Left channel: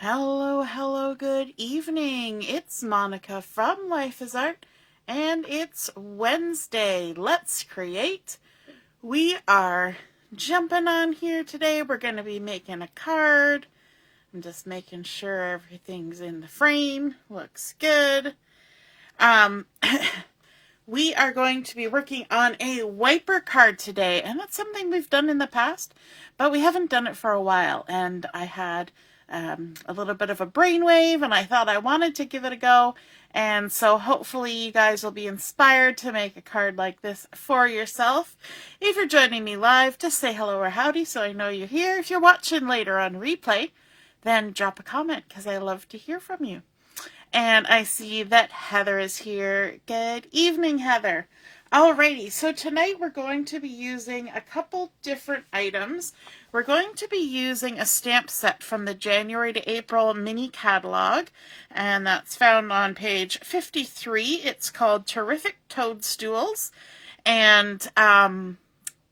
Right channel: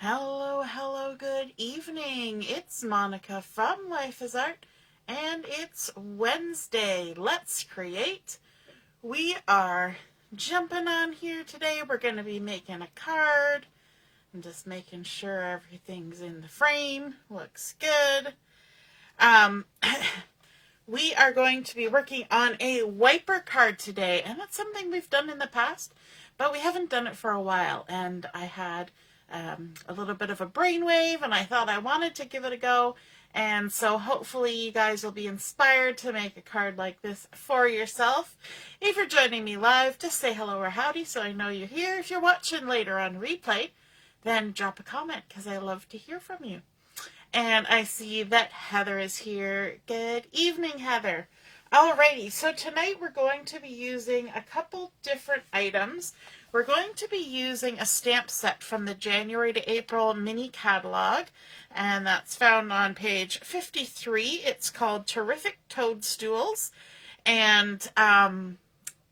Hello, hello, good evening. It's Monica from Life is Art, and it's Wednesday. Let's create. We are jumping on here today. We're going to be making a card. I'm just making sure everything's in the frame. Looks good. We are going to be working on a wiper card today, and that's something we've done in the past, but we haven't done it for a while, and I had a little bit of a brainwave, and I thought I wanted to give it a go, and so hopefully you guys will be inspired to make a card like this for yourself. If you're joining me live, just say hello or howdy so I know you're here. If you're watching later on replay, then drop a comment because I love to hear from you. And I see that Heather is here. Good evening, Heather. Alrighty, so tonight we're going to be using a couple different items. We're going to be using a stamp set from the January to April mini catalog, and that's found on page 53. It's called Terrific Toadstools, and I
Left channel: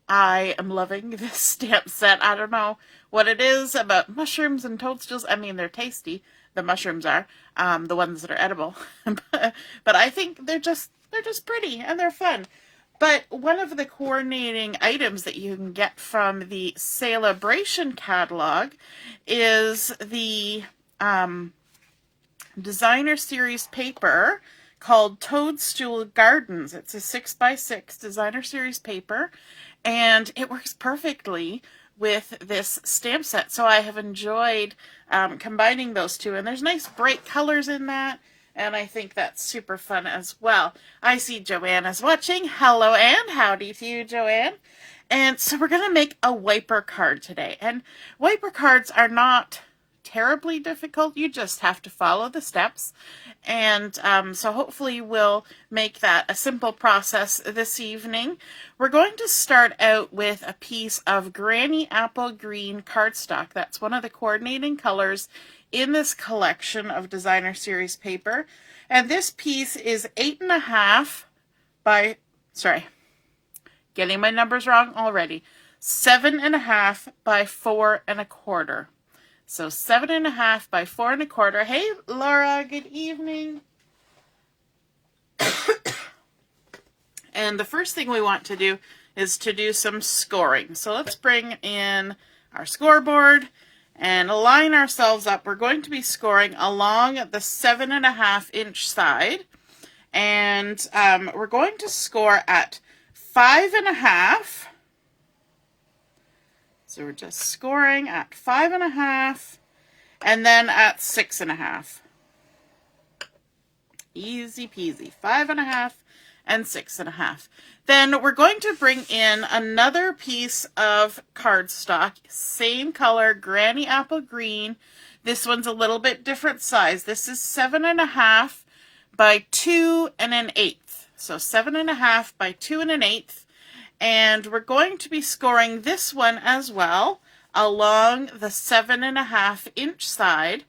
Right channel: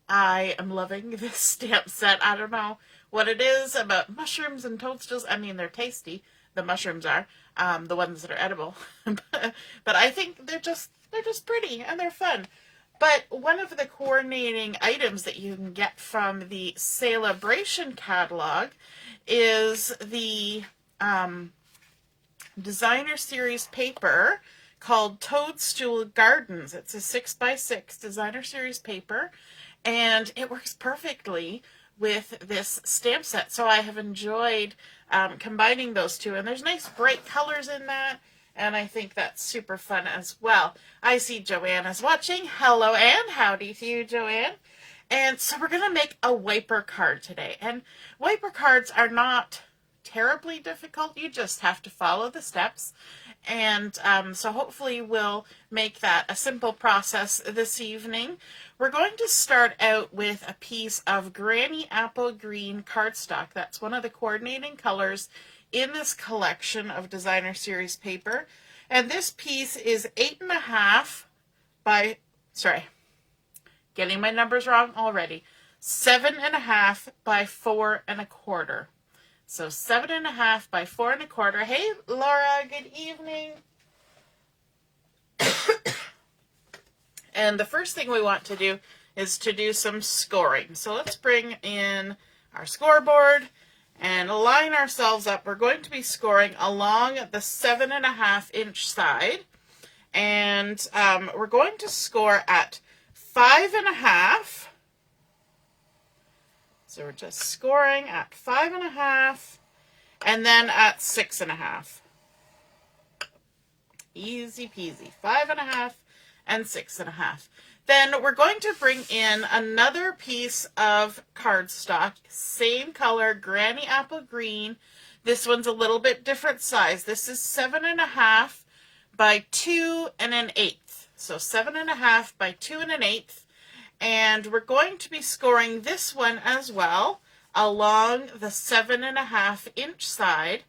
am loving this stamp set. I don't know what it is about mushrooms and toadstools. I mean, they're tasty. The mushrooms are the ones that are edible, but I think they're just pretty and they're fun. But one of the coordinating items that you can get from the Sale-A-Bration catalog is the designer series paper called Toadstool Gardens. It's a 6x6 designer series paper, and it works perfectly with this stamp set. So I have enjoyed combining those two, and there's nice bright colors in that, and I think that's super fun as well. I see Joanna's watching. Hello, and howdy to you, Joanne. And so we're going to make a wiper card today, and wiper cards are not terribly difficult. You just have to follow the steps, and so hopefully we'll make that a simple process this evening. We're going to start out with a piece of Granny Apple Green cardstock. That's one of the coordinating colors in this collection of designer series paper, and this piece is 8.5 by, getting my numbers wrong already, 7.5 by 4.25. So 7.5 by 4.25. Hey, Laura, good evening. And the first thing we want to do is to do some scoring. So let's bring in our scoreboard and line ourselves up. We're going to be scoring along the 7.5 inch side. And we're going to score at 5.5. So we're just scoring at 5.5 and then at 6.5. Easy peasy. 5.5 and 6.5. Then we're going to bring in another piece of cardstock, same color, Granny Apple Green. This one's a little bit different size. This is 7.5 by 2 1/8. So 7.5 by 2 1/8. And we're going to be scoring this one as well along the 7.5 inch side.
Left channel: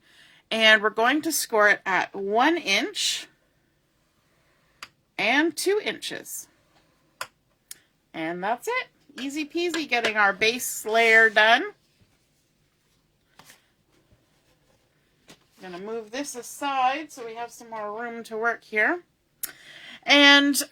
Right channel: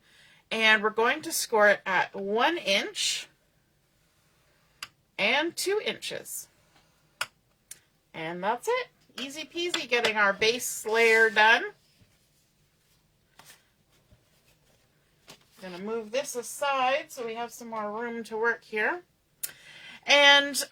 And we're going to score it at 1 inch and 2 inches. And that's it. Easy peasy getting our base layer done. I'm going to move this aside so we have some more room to work here. And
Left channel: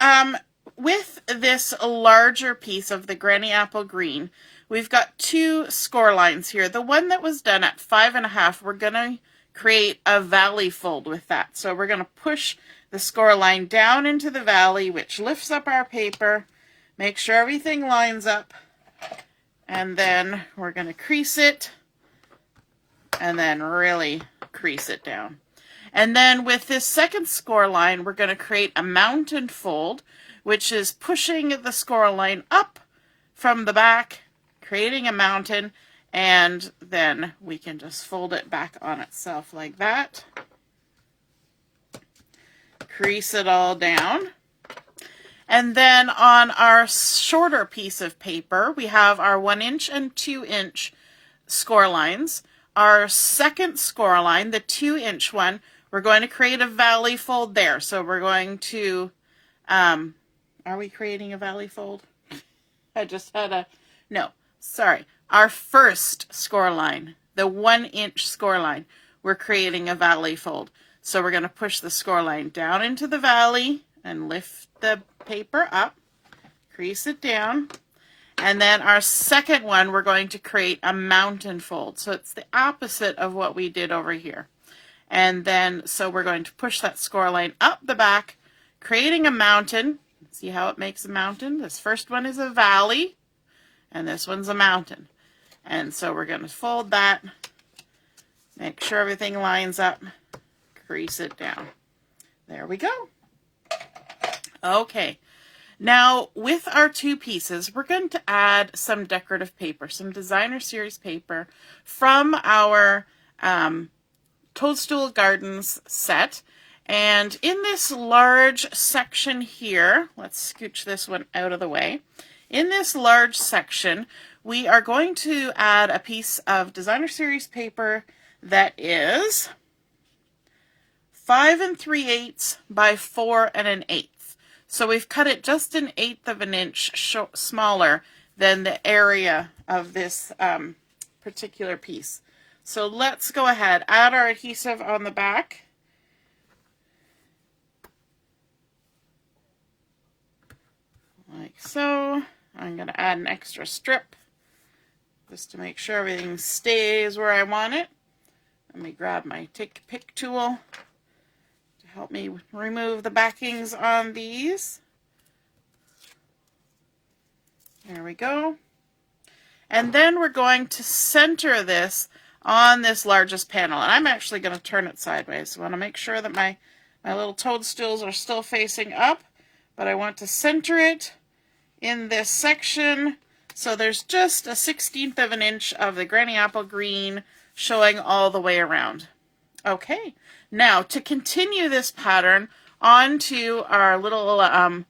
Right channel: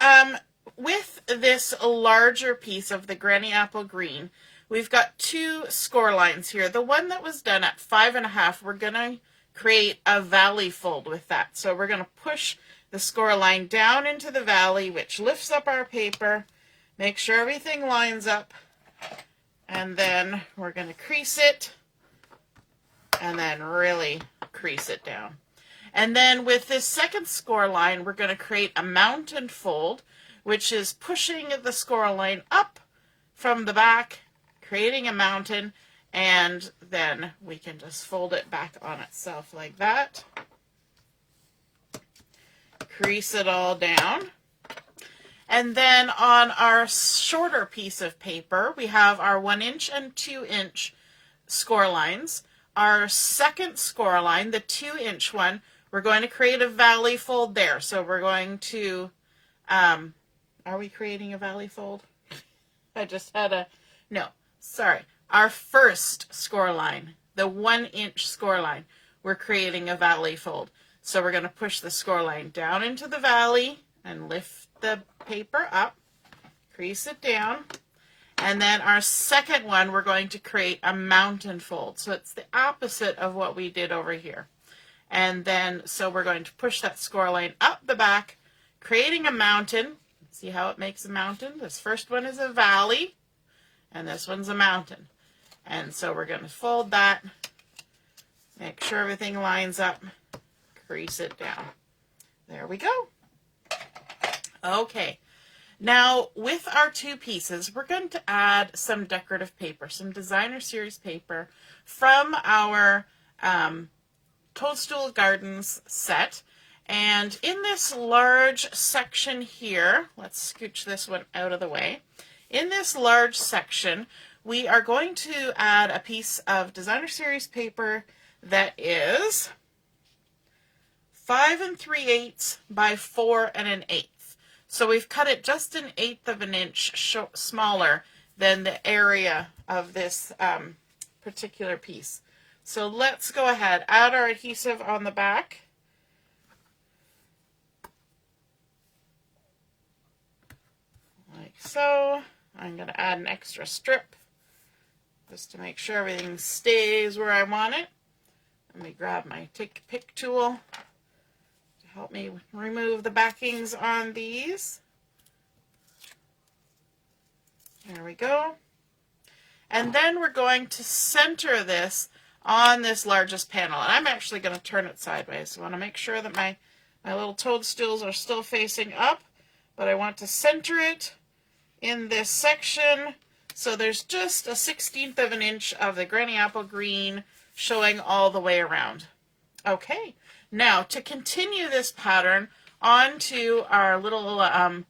with this larger piece of the Granny Apple Green, we've got two score lines here. The one that was done at 5.5, we're going to create a valley fold with that. So we're going to push the score line down into the valley, which lifts up our paper. Make sure everything lines up. And then we're going to crease it and then really crease it down. And then with this second score line, we're going to create a mountain fold, which is pushing the score line up from the back, creating a mountain, and then we can just fold it back on itself like that. Crease it all down. And then on our shorter piece of paper, we have our 1 inch and 2 inch score lines. Our second score line, the 2 inch one, we're going to create a valley fold there. So we're going to, are we creating a valley fold? I just had a, no, sorry. Our first score line, the 1 inch score line, we're creating a valley fold. So we're going to push the score line down into the valley and lift the paper up, crease it down. And then our second one, we're going to create a mountain fold. So it's the opposite of what we did over here. And then, so we're going to push that score line up the back, creating a mountain. See how it makes a mountain? This first one is a valley, and this one's a mountain. And so we're going to fold that, make sure everything lines up, crease it down. There we go. Okay. Now, with our two pieces, we're going to add some decorative paper, some designer series paper from our Toadstool Gardens set. And in this large section here, let's scooch this one out of the way. In this large section, we are going to add a piece of designer series paper that is 5 3/8 by 4 1/8. So we've cut it just 1/8 of an inch smaller than the area of this particular piece. So let's go ahead, add our adhesive on the back. Like so. I'm going to add an extra strip just to make sure everything stays where I want it. Let me grab my take a pick tool to help me remove the backings on these. There we go. And then we're going to center this on this largest panel. And I'm actually going to turn it sideways. So I want to make sure that my little toadstools are still facing up, but I want to center it in this section. So there's just 1/16 of an inch of the Granny Apple Green showing all the way around. Okay, now to continue this pattern onto our little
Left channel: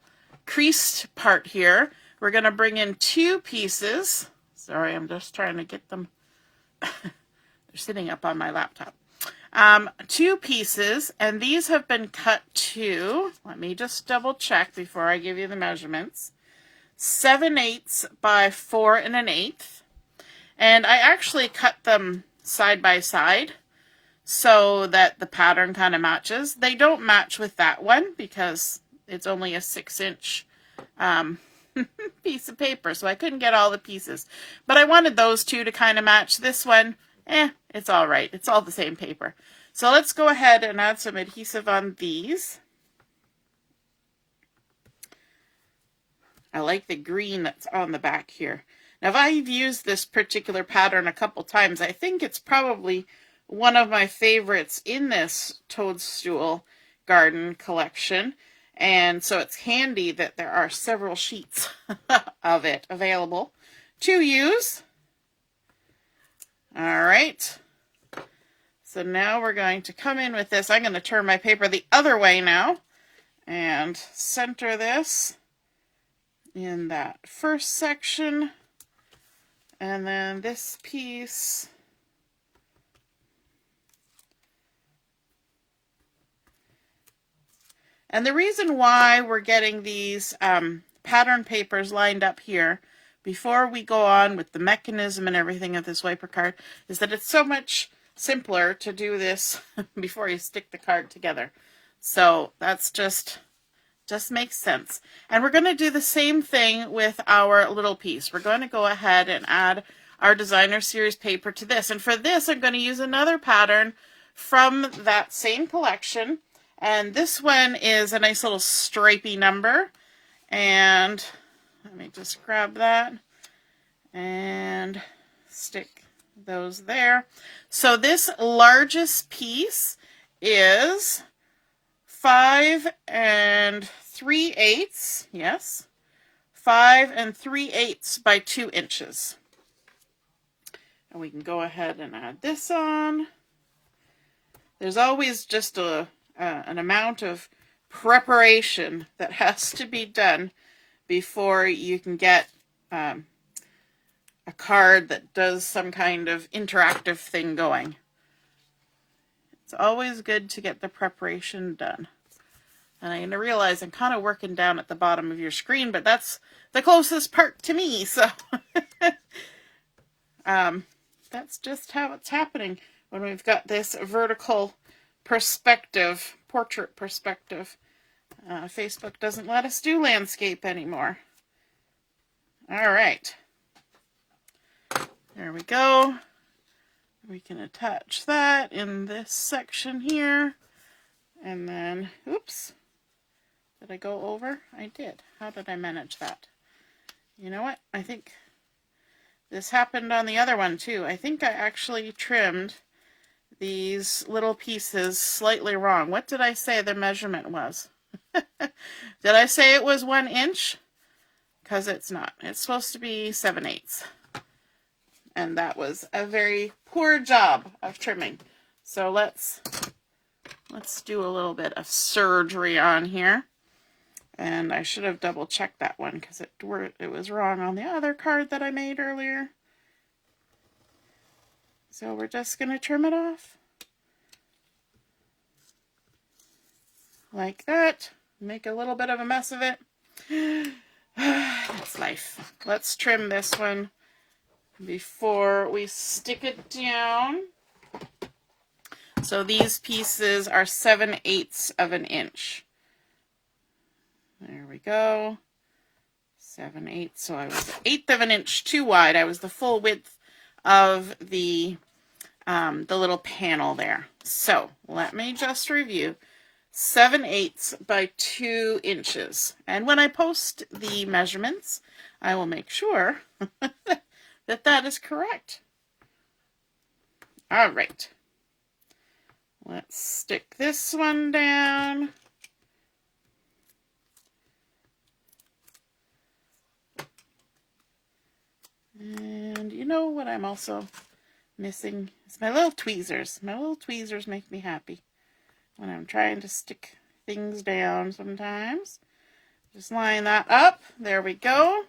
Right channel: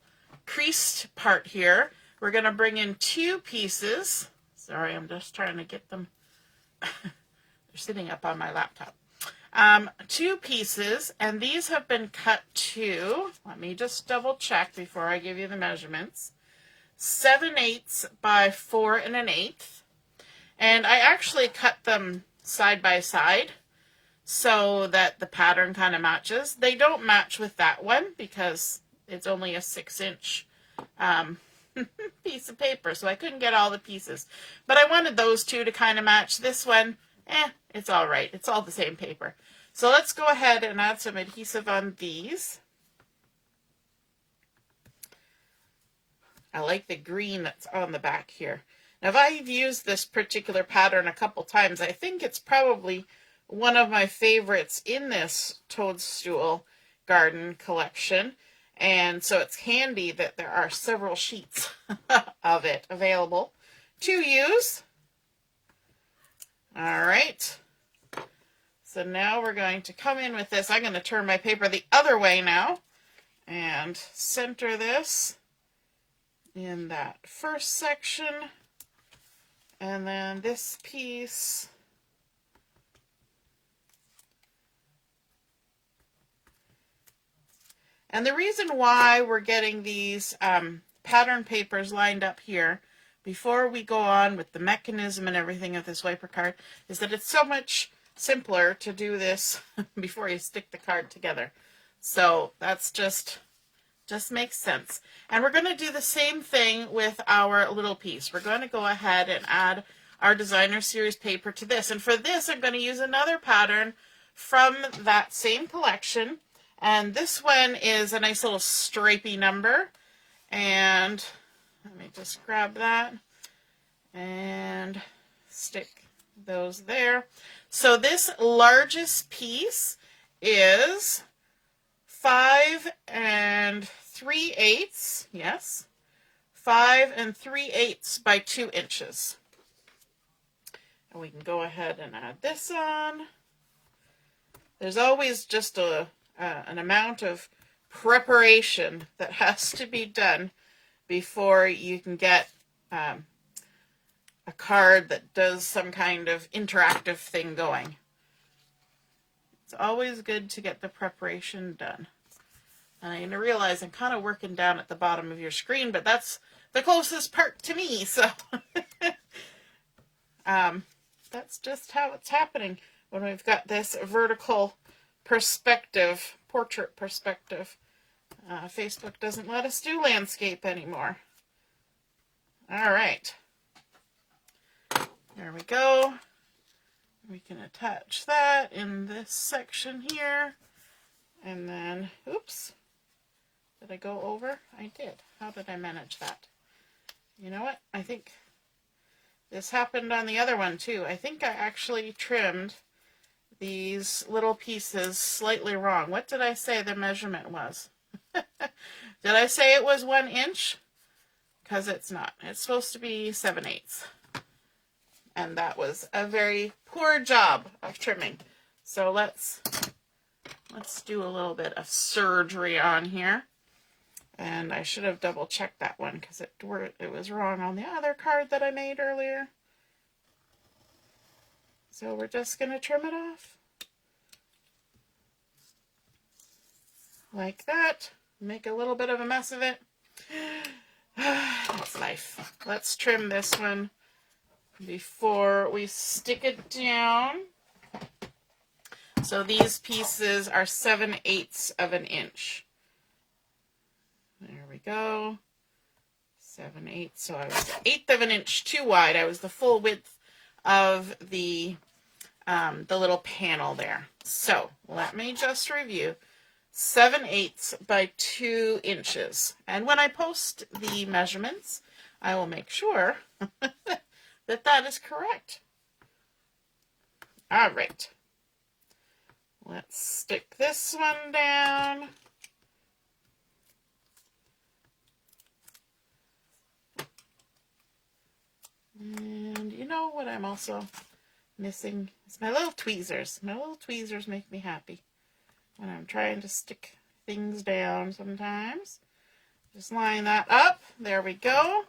creased part here, we're going to bring in two pieces. Sorry, I'm just trying to get them. They're sitting up on my laptop. Two pieces, and these have been cut to, let me just double check before I give you the measurements, 7/8 by 4 1/8. And I actually cut them side by side so that the pattern kind of matches. They don't match with that one because it's only a 6-inch piece of paper, so I couldn't get all the pieces. But I wanted those two to kind of match. This one, it's all right. It's all the same paper. So let's go ahead and add some adhesive on these. I like the green that's on the back here. Now, if I've used this particular pattern a couple times, I think it's probably one of my favorites in this Toadstool Garden collection. And so it's handy that there are several sheets of it available to use. All right. So now we're going to come in with this. I'm going to turn my paper the other way now and center this in that first section. And then this piece. And the reason why we're getting these pattern papers lined up here before we go on with the mechanism and everything of this wiper card is that it's so much simpler to do this before you stick the card together. So that's just makes sense. And we're going to do the same thing with our little piece. We're going to go ahead and add our designer series paper to this. And for this, I'm going to use another pattern from that same collection. And this one is a nice little stripy number. And let me just grab that and stick those there. So this largest piece is 5 3/8, yes, 5 3/8 by 2 inches. And we can go ahead and add this on. There's always just an amount of preparation that has to be done before you can get a card that does some kind of interactive thing going. It's always good to get the preparation done. And I'm going to realize I'm kind of working down at the bottom of your screen, but that's the closest part to me, so that's just how it's happening. when we've got this vertical perspective, portrait perspective. Facebook doesn't let us do landscape anymore. All right. There we go. We can attach that in this section here. And then, oops, did I go over? I did. How did I manage that? You know what? I think this happened on the other one too. I think I actually trimmed these little pieces slightly wrong. What did I say the measurement was? Did I say it was 1 inch? Because it's not. It's supposed to be 7/8. And that was a very poor job of trimming. So let's do a little bit of surgery on here. And I should have double checked that one because it was wrong on the other card that I made earlier. So we're just going to trim it off. Like that. Make a little bit of a mess of it. It's life. Let's trim this one before we stick it down. So these pieces are 7/8 of an inch. There we go. 7/8. So I was 1/8 of an inch too wide. I was the full width of the little panel there. So let me just review. 7/8 by 2 inches. And when I post the measurements, I will make sure that that is correct. All right. Let's stick this one down. And you know what I'm also missing? It's my little tweezers. My little tweezers make me happy when I'm trying to stick things down sometimes. Just line that up. There we go.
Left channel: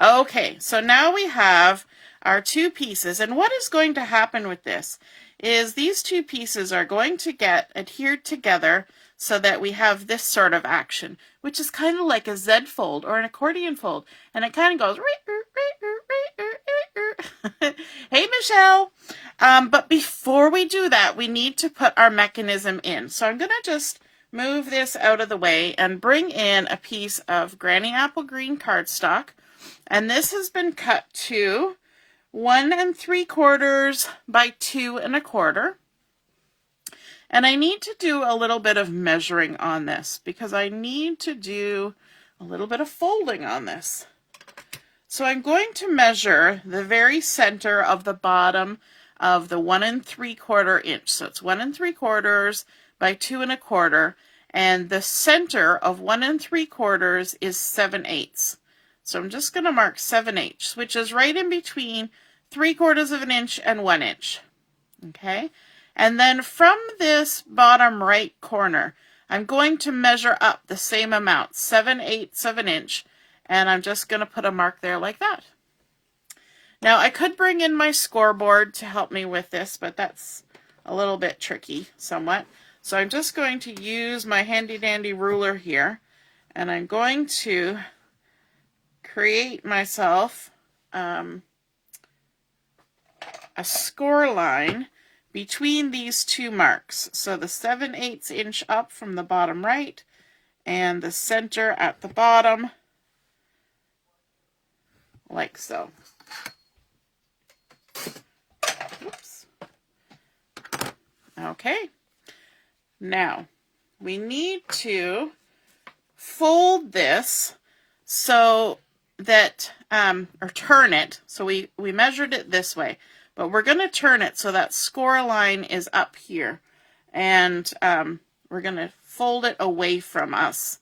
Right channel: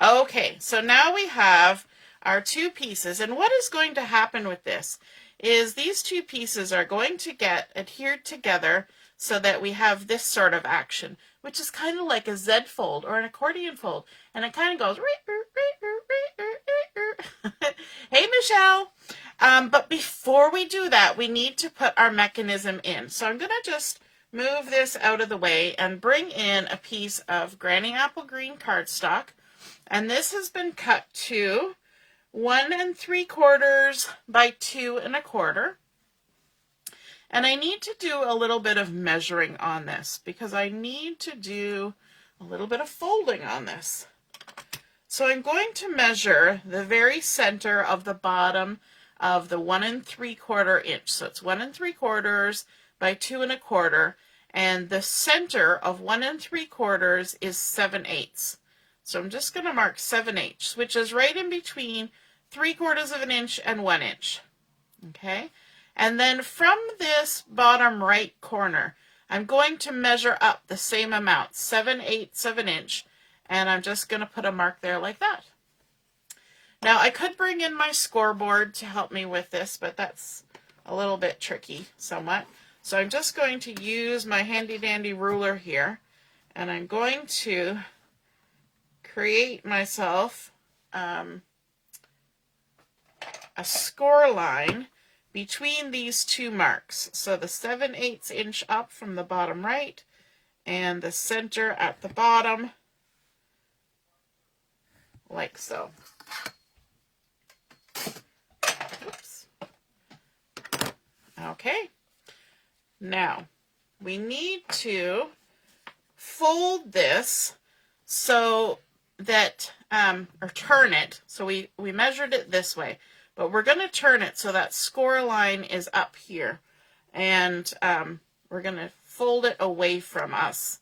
Okay, so now we have our 2 pieces. And what is going to happen with this is these 2 pieces are going to get adhered together so that we have this sort of action, which is kind of like a Z fold or an accordion fold. And it kind of goes, hey, Michelle. But before we do that, we need to put our mechanism in. So I'm going to just move this out of the way and bring in a piece of Granny Apple Green cardstock. And this has been cut to 1 3/4 by 2 1/4. And I need to do a little bit of measuring on this because I need to do a little bit of folding on this. So I'm going to measure the very center of the bottom of the 1 3/4 inch. So it's 1 3/4 by 2 1/4. And the center of 1 3/4 is 7/8. So I'm just going to mark 7/8, which is right in between 3/4 of an inch and 1 inch. Okay. And then from this bottom right corner, I'm going to measure up the same amount, 7/8 of an inch. And I'm just going to put a mark there like that. Now I could bring in my scoreboard to help me with this, but that's a little bit tricky somewhat. So I'm just going to use my handy dandy ruler here, and I'm going to create myself a score line between these 2 marks. So the 7/8 inch up from the bottom right and the center at the bottom, like so. Oops. Okay. Now, we need to fold this so that, or turn it. So we measured it this way, but we're going to turn it so that score line is up here. And we're going to fold it away from us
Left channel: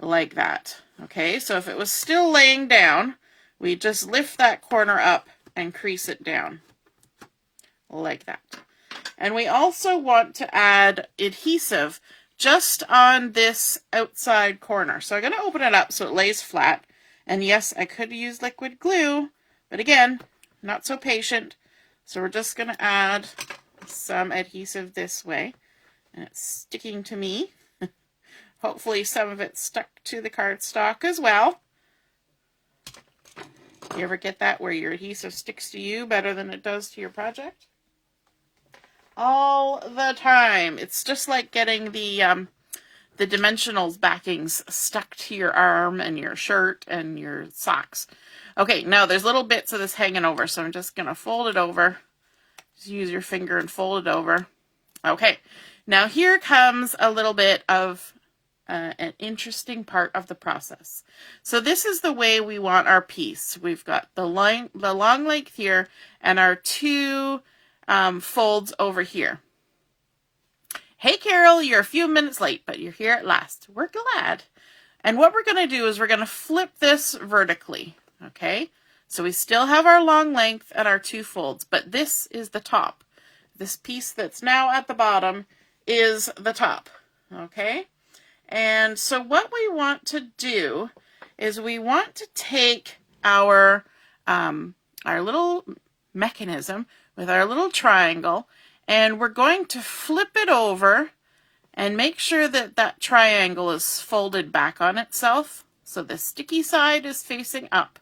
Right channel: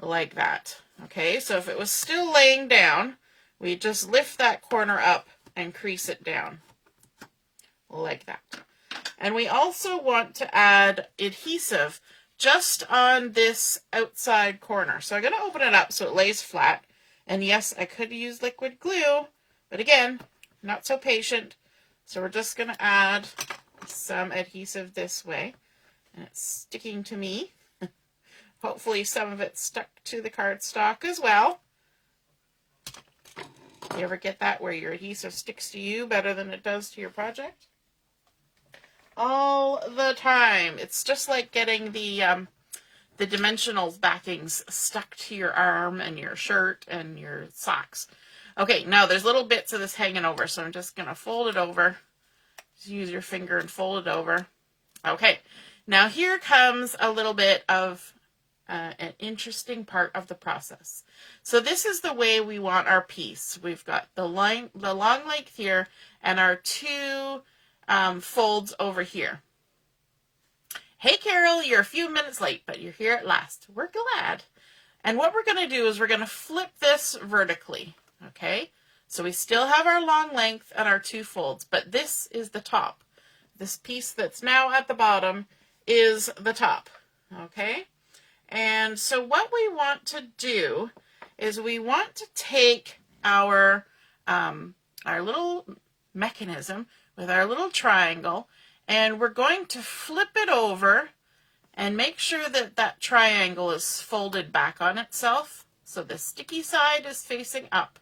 like that. Okay, so if it was still laying down, we just lift that corner up and crease it down like that. And we also want to add adhesive just on this outside corner. So I'm going to open it up so it lays flat. And yes, I could use liquid glue, but again, not so patient. So we're just going to add some adhesive this way. And it's sticking to me. Hopefully some of it stuck to the cardstock as well. You ever get that where your adhesive sticks to you better than it does to your project? all the time. It's just like getting the Dimensionals backings stuck to your arm and your shirt and your socks. Okay, now there's little bits of this hanging over, so I'm just going to fold it over. Just use your finger and fold it over. Okay, now here comes a little bit of an interesting part of the process. So this is the way we want our piece. We've got the long length here and our two folds over here. Hey Carol, you're a few minutes late, but you're here at last. We're glad. And what we're going to do is we're going to flip this vertically, okay? So we still have our long length and our two folds, but this is the top. This piece that's now at the bottom is the top, okay? And so what we want to do is we want to take our little mechanism with our little triangle, and we're going to flip it over and make sure that that triangle is folded back on itself. So the sticky side is facing up.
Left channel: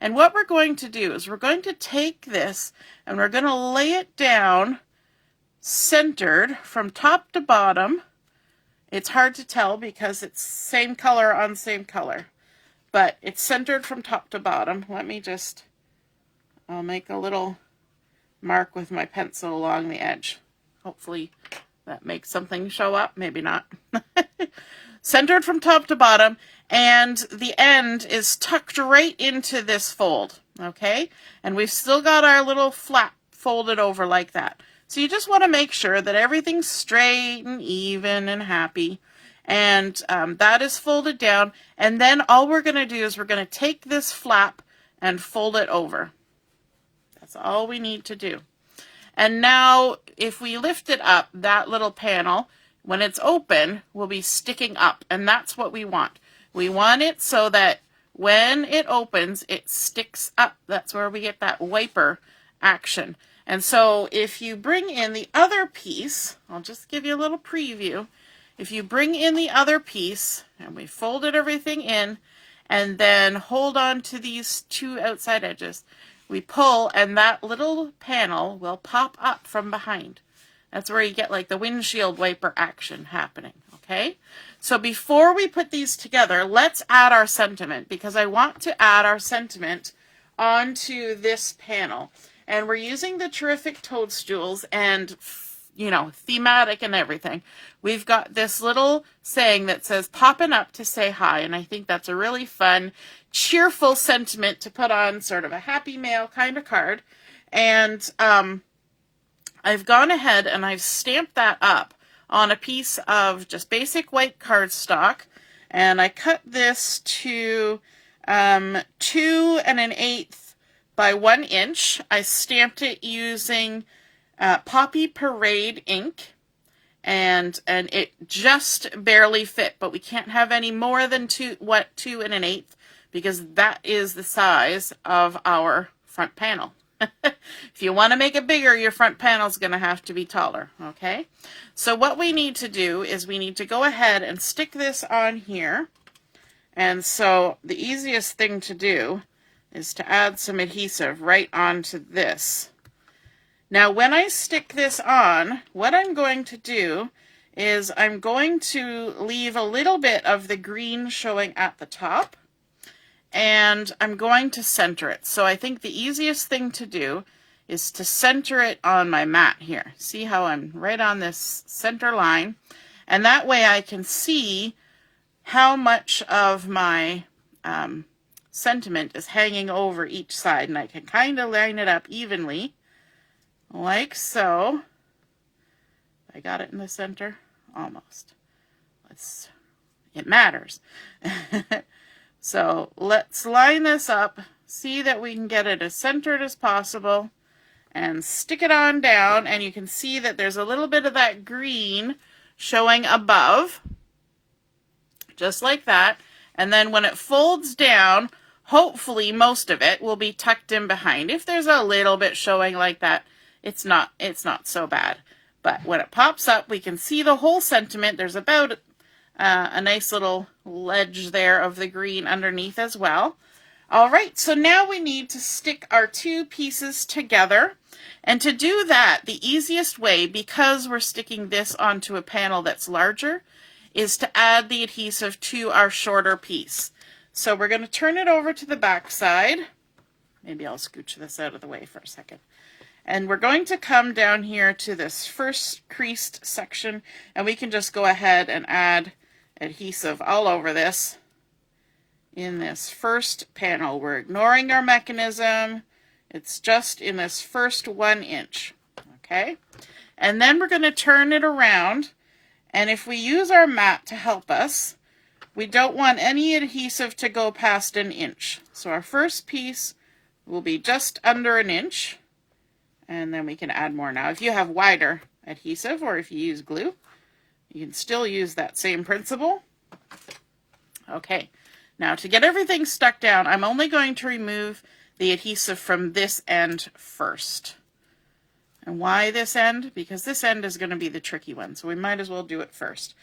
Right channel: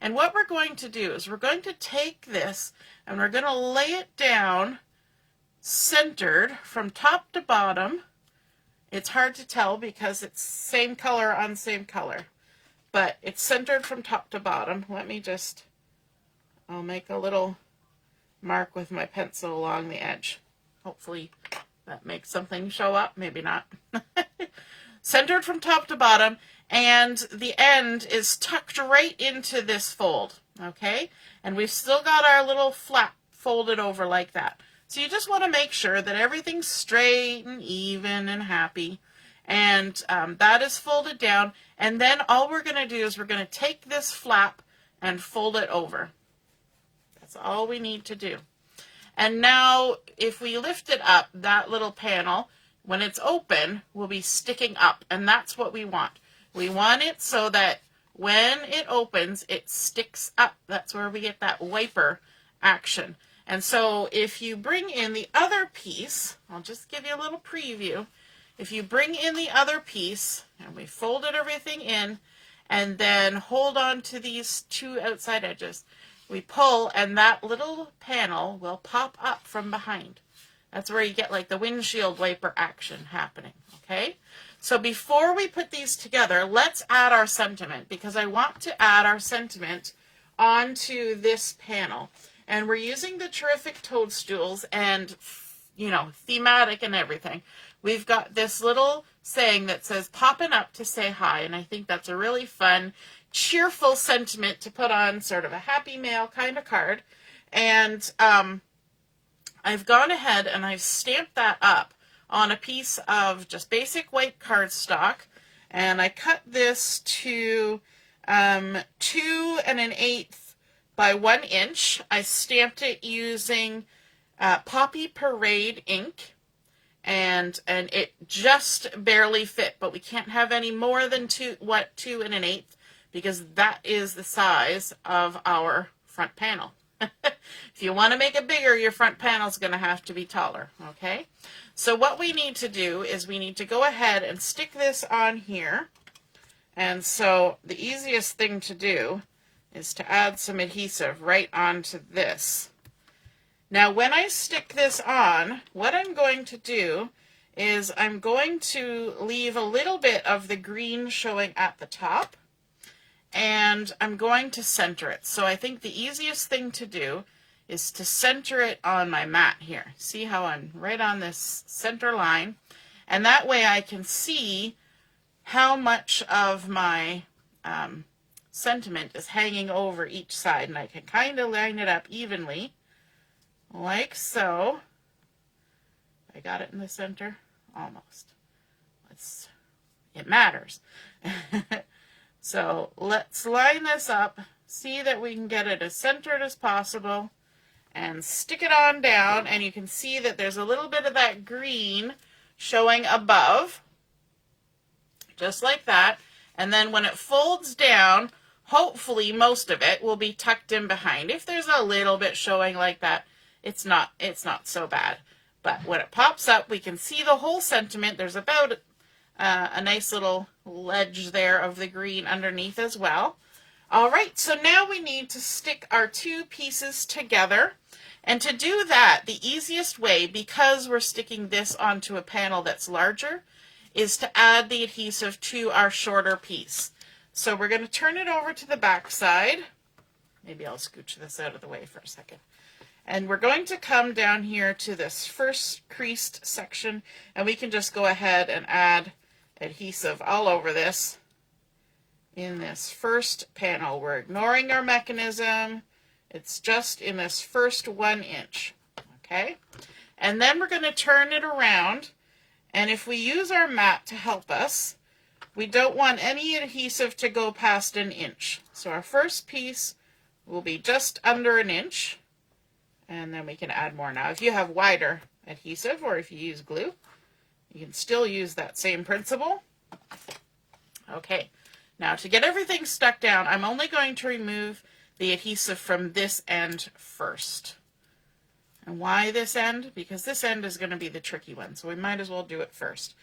And what we're going to do is we're going to take this and we're going to lay it down centered from top to bottom. It's hard to tell because it's same color on same color, but it's centered from top to bottom. I'll make a little mark with my pencil along the edge. Hopefully that makes something show up, maybe not. Centered from top to bottom, and the end is tucked right into this fold, okay? And we've still got our little flap folded over like that. So you just want to make sure that everything's straight and even and happy, and that is folded down. And then all we're going to do is we're going to take this flap and fold it over. That's all we need to do. And now if we lift it up, that little panel, when it's open, will be sticking up, and that's what we want. We want it so that when it opens, it sticks up. That's where we get that wiper action. And so if you bring in the other piece, I'll just give you a little preview. If you bring in the other piece, and we folded everything in, and then hold on to these two outside edges, we pull, and that little panel will pop up from behind. That's where you get like the windshield wiper action happening, okay? So before we put these together, let's add our sentiment, because I want to add our sentiment onto this panel. And we're using the terrific Toadstools and, you know, thematic and everything. We've got this little saying that says, popping up to say hi. And I think that's a really fun, cheerful sentiment to put on sort of a happy mail kind of card. And I've gone ahead and I've stamped that up on a piece of just basic white cardstock. And I cut this to 2 1/8 by 1 inch. I stamped it using Poppy Parade ink, and it just barely fit, but we can't have any more than 2 1/8 because that is the size of our front panel. If you want to make it bigger, your front panel is going to have to be taller, okay? So what we need to do is we need to go ahead and stick this on here. And so the easiest thing to do is to add some adhesive right onto this. Now when I stick this on, what I'm going to do is I'm going to leave a little bit of the green showing at the top, and I'm going to center it. So I think the easiest thing to do is to center it on my mat here. See how I'm right on this center line? And that way I can see how much of my sentiment is hanging over each side, and I can kind of line it up evenly like so. I got it in the center almost. It matters. So let's line this up, see that we can get it as centered as possible, and stick it on down. And you can see that there's a little bit of that green showing above, just like that. And then when it folds down, hopefully most of it will be tucked in behind. If there's a little bit showing like that, it's not so bad. But when it pops up, we can see the whole sentiment. There's about a nice little ledge there of the green underneath as well. All right, so now we need to stick our two pieces together. And to do that, the easiest way, because we're sticking this onto a panel that's larger, is to add the adhesive to our shorter piece. So we're going to turn it over to the back side. Maybe I'll scooch this out of the way for a second. And we're going to come down here to this first creased section, and we can just go ahead and add adhesive all over this in this first panel. We're ignoring our mechanism. It's just in this first 1 inch, okay? And then we're going to turn it around, and if we use our mat to help us, we don't want any adhesive to go past 1 inch. So our first piece will be just under 1 inch, and then we can add more. Now, if you have wider adhesive or if you use glue, you can still use that same principle. Okay, now to get everything stuck down, I'm only going to remove the adhesive from this end first. And why this end? Because this end is going to be the tricky one, so we might as well do it first.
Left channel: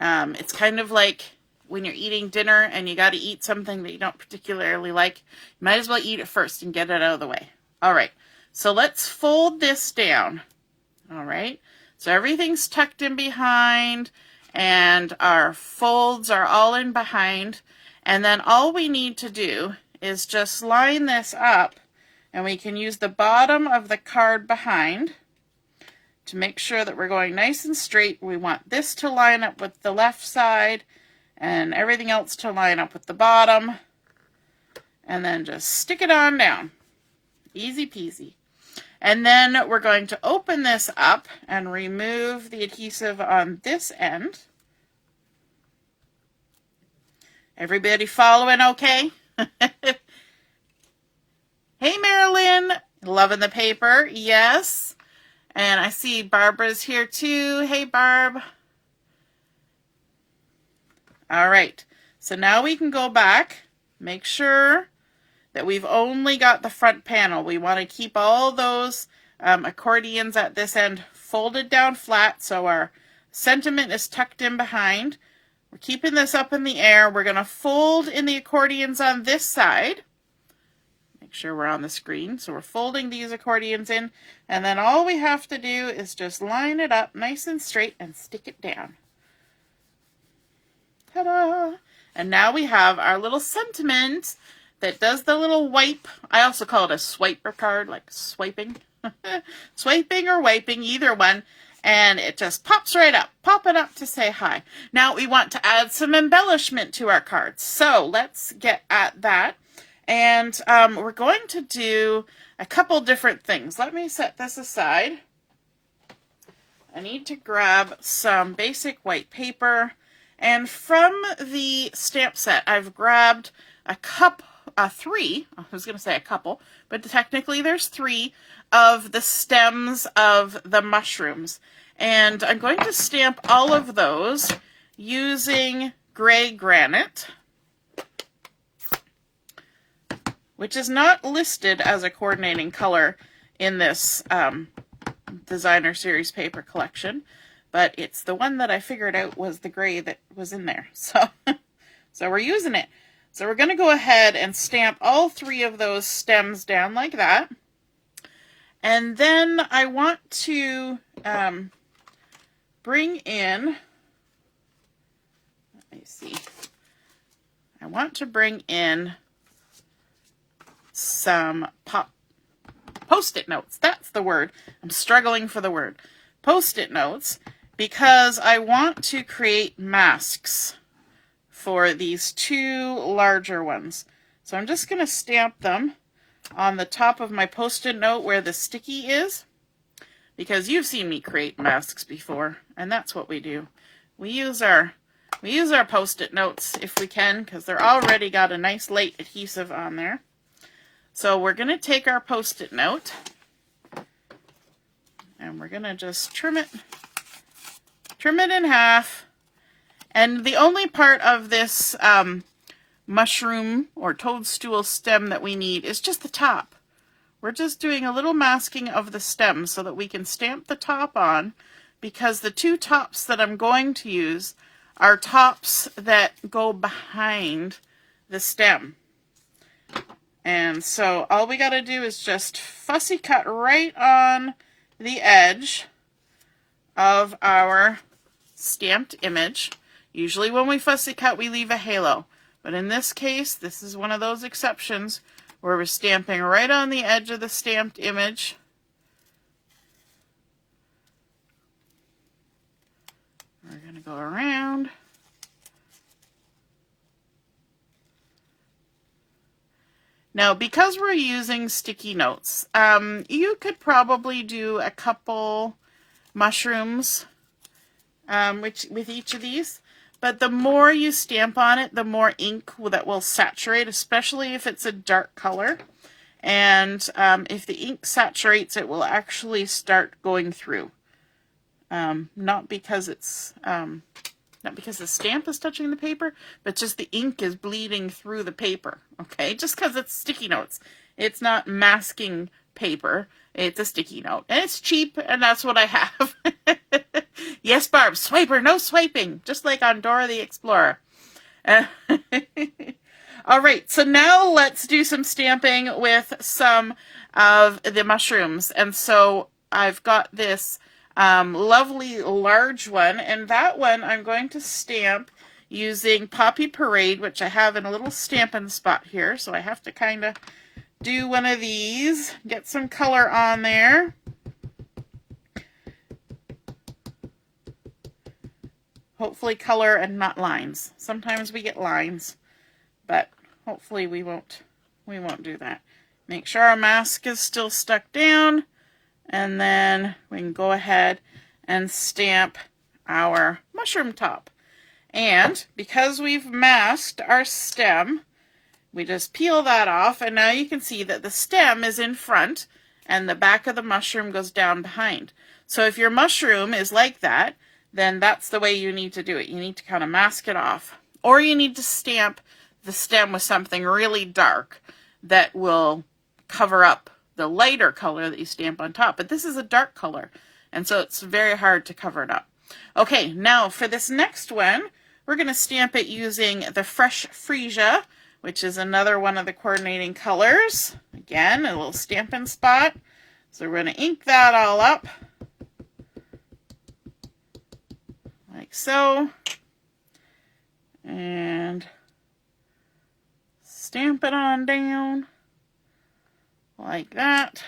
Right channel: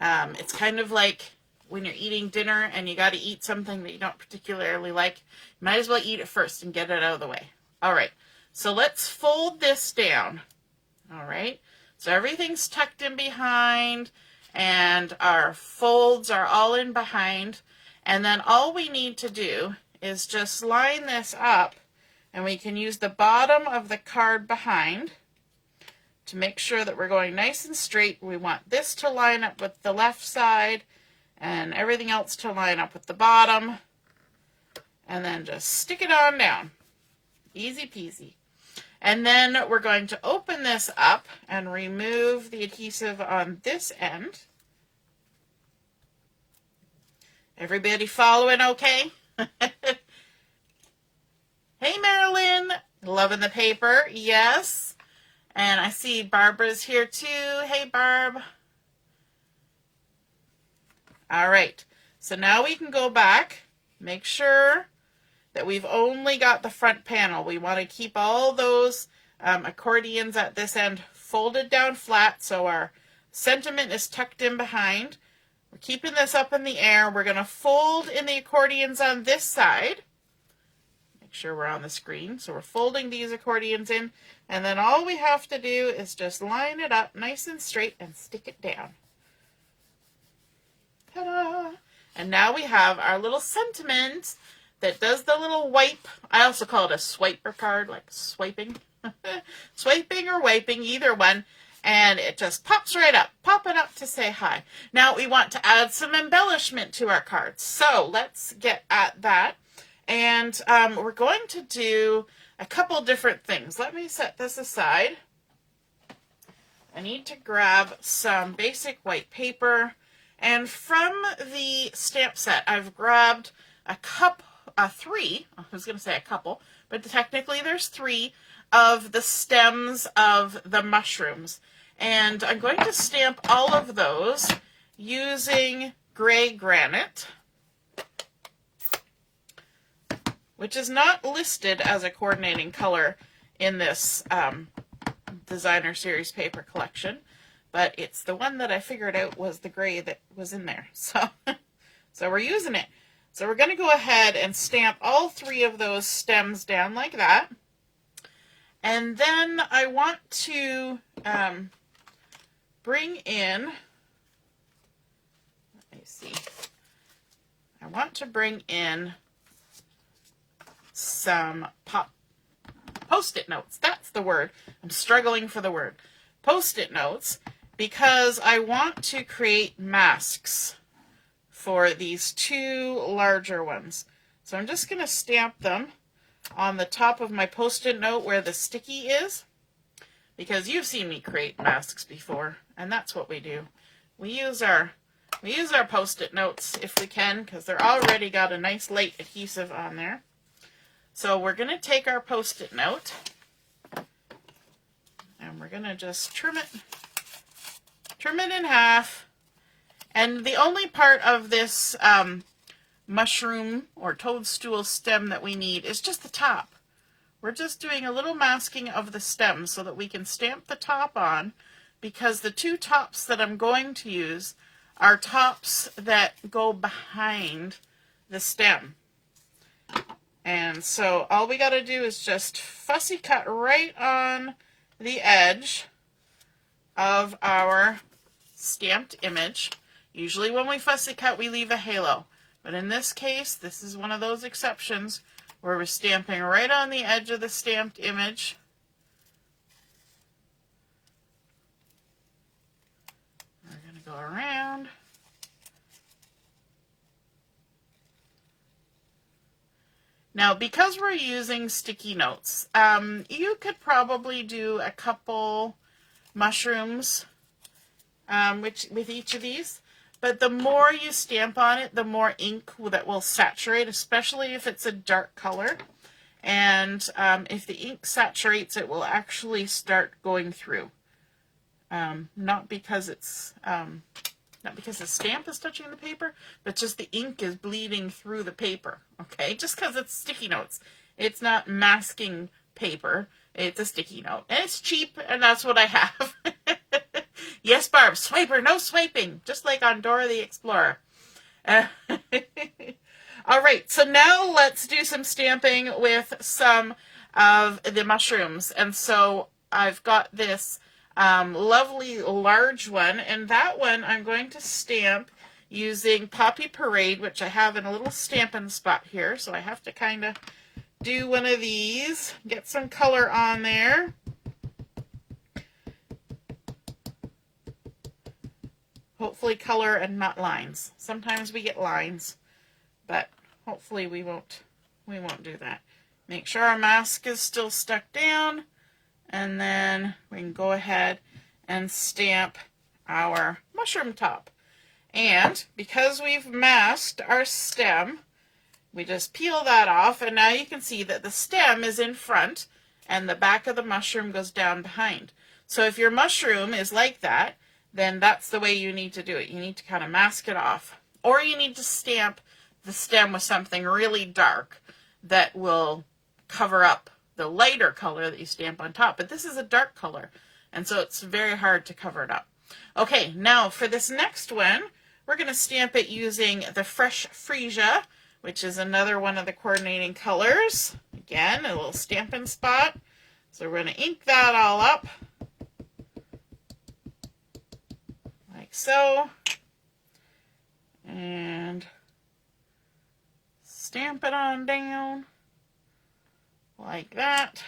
It's kind of like when you're eating dinner and you got to eat something that you don't particularly like, you might as well eat it first and get it out of the way. All right, so let's fold this down. All right, so everything's tucked in behind and our folds are all in behind. And then all we need to do is just line this up, and we can use the bottom of the card behind to make sure that we're going nice and straight. We want this to line up with the left side and everything else to line up with the bottom, and then just stick it on down. Easy peasy. And then we're going to open this up and remove the adhesive on this end. Everybody following okay? Hey, Marilyn, loving the paper, yes. And I see Barbara's here too. Hey, Barb. All right, so now we can go back, make sure that we've only got the front panel. We want to keep all those accordions at this end folded down flat so our sentiment is tucked in behind. We're keeping this up in the air. We're going to fold in the accordions on this side. Make sure we're on the screen. So we're folding these accordions in, and then all we have to do is just line it up nice and straight and stick it down. Ta-da! And now we have our little sentiment that does the little wipe. I also call it a swiper card, like swiping. Swiping or wiping, either one. And it just pops right up. Pop it up to say hi. Now we want to add some embellishment to our cards. So let's get at that. And we're going to do a couple different things. Let me set this aside. I need to grab some basic white paper. And from the stamp set, I've grabbed three, I was going to say a couple, but technically there's 3 of the stems of the mushrooms. And I'm going to stamp all of those using gray granite, which is not listed as a coordinating color in this designer series paper collection, but it's the one that I figured out was the gray that was in there. So we're using it. So we're going to go ahead and stamp all 3 of those stems down like that. And then I want to bring in, let me see, I want to bring in some Post-it notes. That's the word. I'm struggling for the word. Post-it notes, because I want to create masks for these 2 larger ones. So I'm just going to stamp them on the top of my Post-it note where the sticky is, because you've seen me create masks before, and that's what we do. We use our Post-it notes if we can, because they're already got a nice light adhesive on there. So we're going to take our Post-it note, and we're going to just trim it in half. And the only part of this mushroom or toadstool stem that we need is just the top. We're just doing a little masking of the stem so that we can stamp the top on, because the 2 tops that I'm going to use are tops that go behind the stem. And so all we got to do is just fussy cut right on the edge of our stamped image. Usually when we fussy cut, we leave a halo. But in this case, this is one of those exceptions where we're stamping right on the edge of the stamped image. We're going to go around. Now, because we're using sticky notes, you could probably do a couple mushrooms with each of these, but the more you stamp on it, the more ink that will saturate, especially if it's a dark color. And if the ink saturates, it will actually start going through. Not because the stamp is touching the paper, but just the ink is bleeding through the paper, okay? Just because it's sticky notes. It's not masking paper. It's a sticky note. And it's cheap, and that's what I have. Yes, Barb, swiper, no swiping. Just like on Dora the Explorer. All right, so now let's do some stamping with some of the mushrooms. And so I've got this lovely large one, and that one I'm going to stamp using Poppy Parade, which I have in a little Stampin' spot here, so I have to kind of do one of these, get some color on there. Hopefully color and not lines. Sometimes we get lines, but hopefully we won't do that. Make sure our mask is still stuck down. And then we can go ahead and stamp our mushroom top. And because we've masked our stem, we just peel that off, and now you can see that the stem is in front and the back of the mushroom goes down behind. So if your mushroom is like that, then that's the way you need to do it. You need to kind of mask it off. Or you need to stamp the stem with something really dark that will cover up the lighter color that you stamp on top. But this is a dark color, and so it's very hard to cover it up. Okay, now for this next one, we're going to stamp it using the Fresh Fresia, which is another one of the coordinating colors. Again, a little Stampin' spot. So we're going to ink that all up. Like so. And stamp it on down. Like that.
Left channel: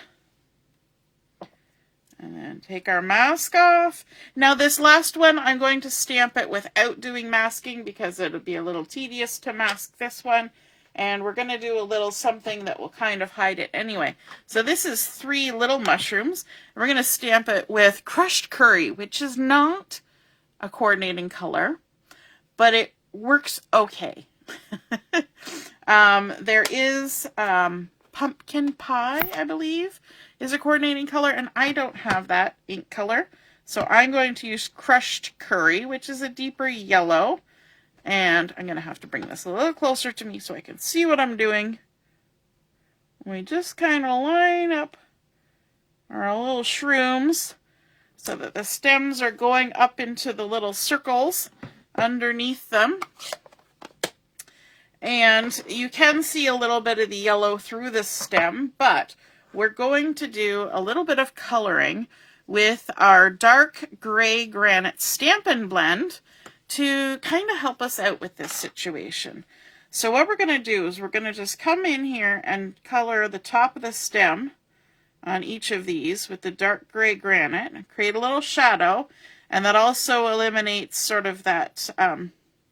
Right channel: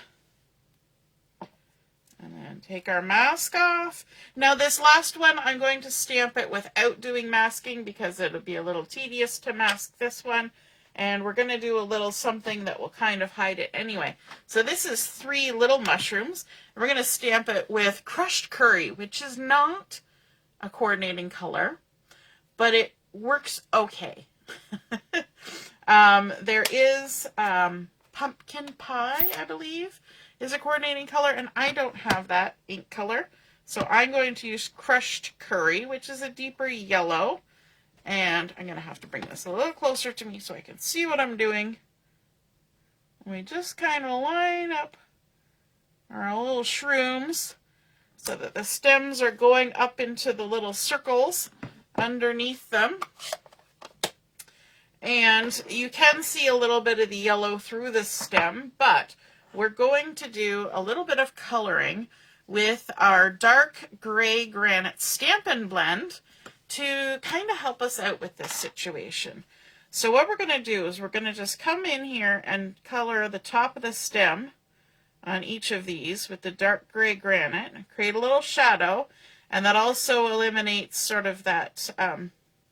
And then take our mask off. Now this last one, I'm going to stamp it without doing masking because it would be a little tedious to mask this one. And we're going to do a little something that will kind of hide it anyway. So this is 3 little mushrooms. We're going to stamp it with crushed curry, which is not a coordinating color, but it works okay. There is pumpkin pie, I believe, is a coordinating color, and I don't have that ink color. So I'm going to use crushed curry, which is a deeper yellow. And I'm going to have to bring this a little closer to me so I can see what I'm doing. We just kind of line up our little shrooms so that the stems are going up into the little circles underneath them. And you can see a little bit of the yellow through the stem, but we're going to do a little bit of coloring with our dark gray granite Stampin' Blend to kind of help us out with this situation. So what we're going to do is we're going to just come in here and color the top of the stem on each of these with the dark gray granite and create a little shadow, and that also eliminates sort of that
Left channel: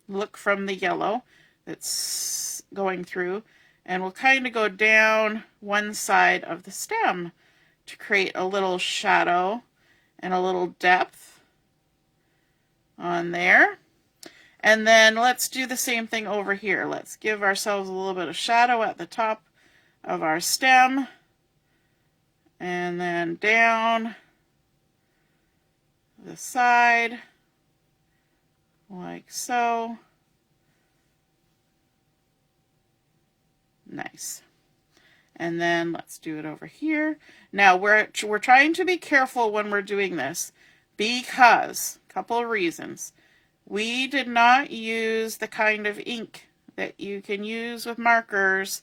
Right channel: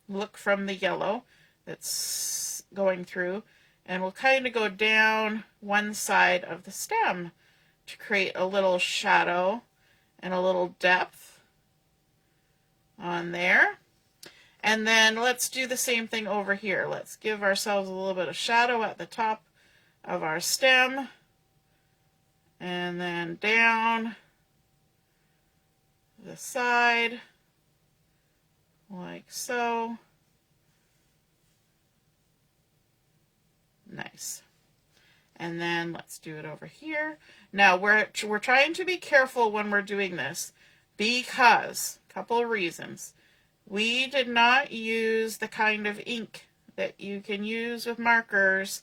look from the yellow that's going through, and we'll kind of go down one side of the stem to create a little shadow and a little depth on there. And then let's do the same thing over here. Let's give ourselves a little bit of shadow at the top of our stem, and then down the side like so. Nice. And then let's do it over here. Now we're trying to be careful when we're doing this because a couple of reasons. We did not use the kind of ink that you can use with markers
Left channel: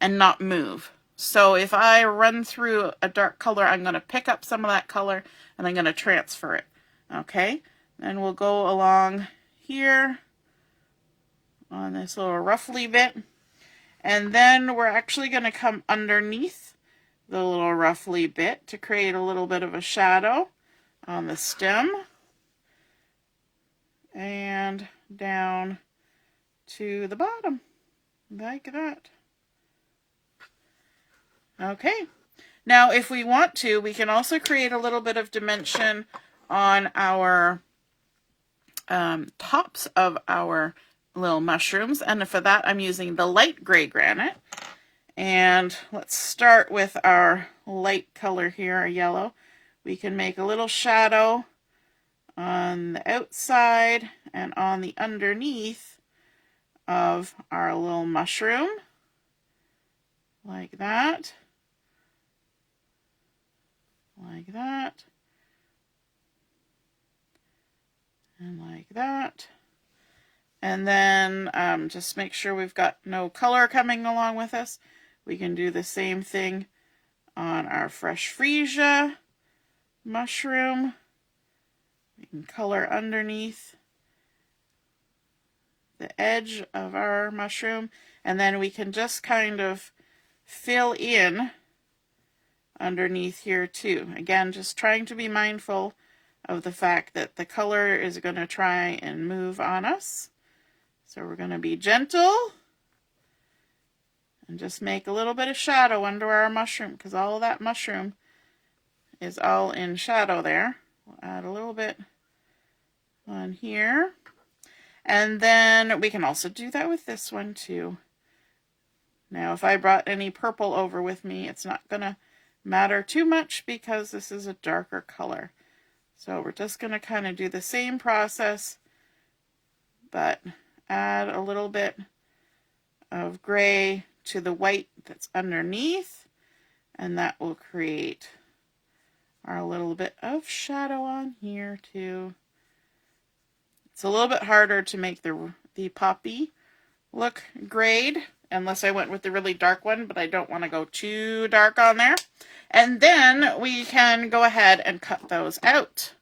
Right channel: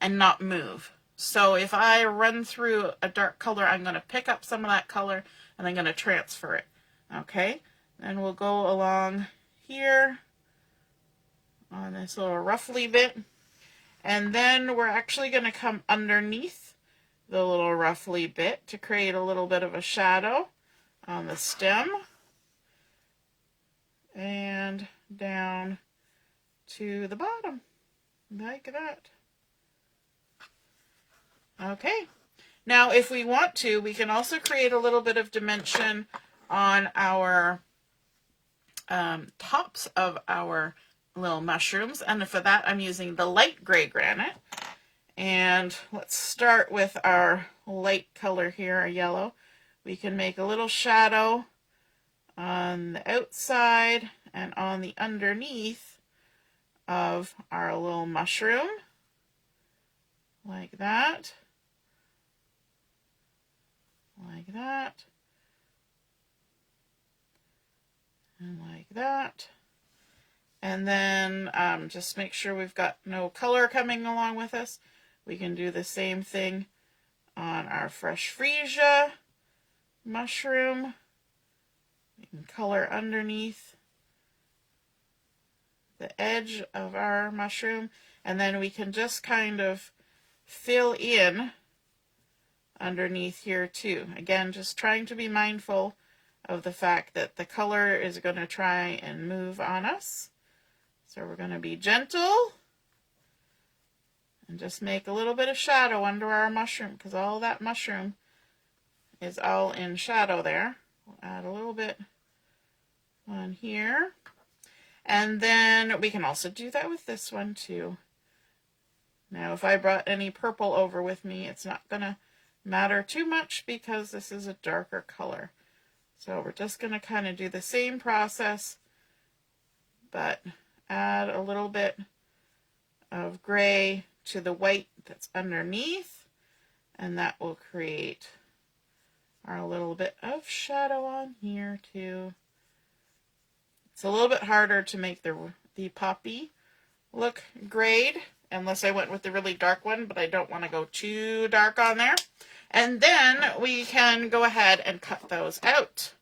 and not move. So if I run through a dark color, I'm going to pick up some of that color and I'm going to transfer it. Okay, and we'll go along here on this little ruffly bit, and then we're actually going to come underneath the little ruffly bit to create a little bit of a shadow on the stem and down to the bottom like that. Okay, now if we want to, we can also create a little bit of dimension on our tops of our little mushrooms, and for that I'm using the light gray granite. And let's start with our light color here, a yellow. We can make a little shadow on the outside and on the underneath of our little mushroom, like that, like that, and like that. And then just make sure we've got no color coming along with us. We can do the same thing on our fresh Fresia mushroom. We can color underneath the edge of our mushroom, and then we can just kind of fill in underneath here too. Again, just trying to be mindful of the fact that the color is going to try and move on us. So we're going to be gentle and just make a little bit of shadow under our mushroom, because all of that mushroom is all in shadow there. We'll add a little bit on here. And then we can also do that with this one too. Now if I brought any purple over with me, it's not going to matter too much because this is a darker color. So we're just going to kind of do the same process, but add a little bit of gray to the white that's underneath, and that will create our little bit of shadow on here too. It's a little bit harder to make the poppy look grayed unless I went with the really dark one, but I don't want to go too dark on there. And then we can go ahead and cut those out.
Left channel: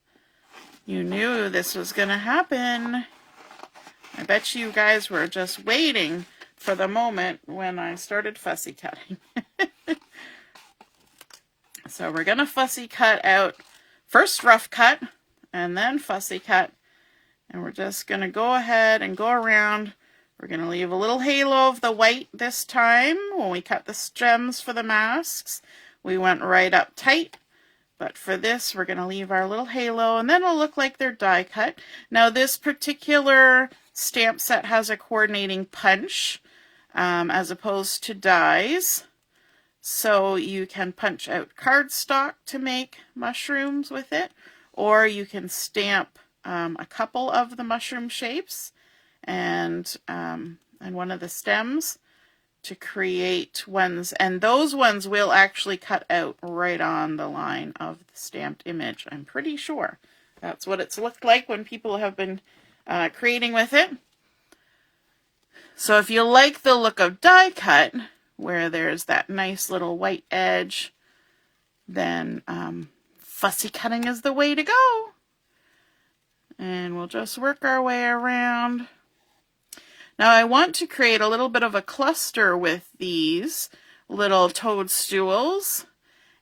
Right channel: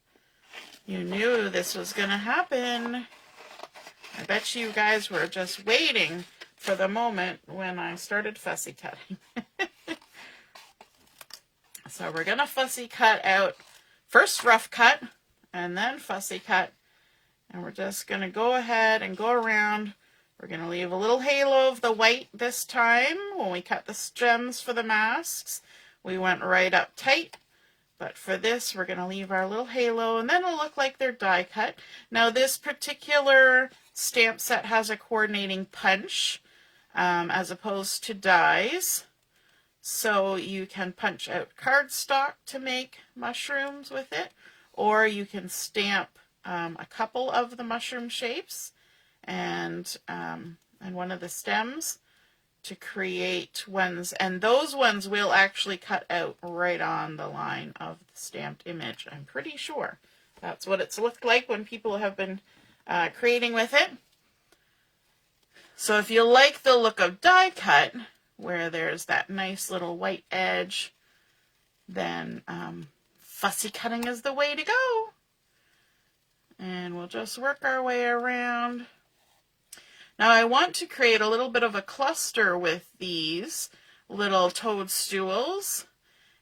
You knew this was going to happen. I bet you guys were just waiting for the moment when I started fussy cutting. So we're going to fussy cut out, first rough cut, and then fussy cut. And we're just going to go ahead and go around. We're going to leave a little halo of the white this time. When we cut the stems for the masks, we went right up tight. But for this, we're going to leave our little halo, and then it'll look like they're die cut. Now, this particular stamp set has a coordinating punch as opposed to dies. So you can punch out cardstock to make mushrooms with it, or you can stamp a couple of the mushroom shapes and one of the stems to create ones, and those ones will actually cut out right on the line of the stamped image. I'm pretty sure that's what it's looked like when people have been creating with it. So if you like the look of die cut, where there's that nice little white edge, then fussy cutting is the way to go. And we'll just work our way around. Now I want to create a little bit of a cluster with these little toadstools.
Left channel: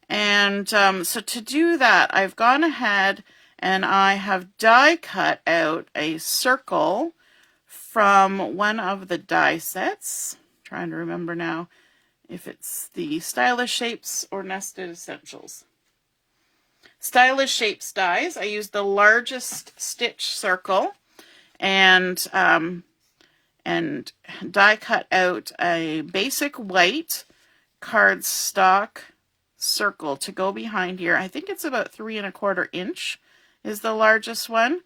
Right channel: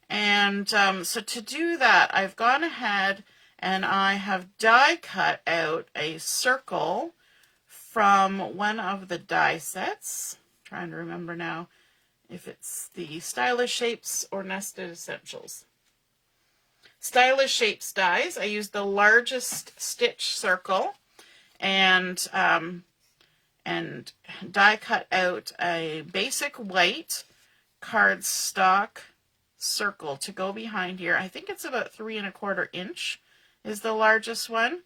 And so to do that, I've gone ahead and I have die cut out a circle from one of the die sets. I'm trying to remember now if it's the Stylish Shapes or Nested Essentials. Stylish Shapes dies. I used the largest stitch circle and die cut out a basic white cardstock circle to go behind here. I think it's about 3 1/4 inch is the largest one.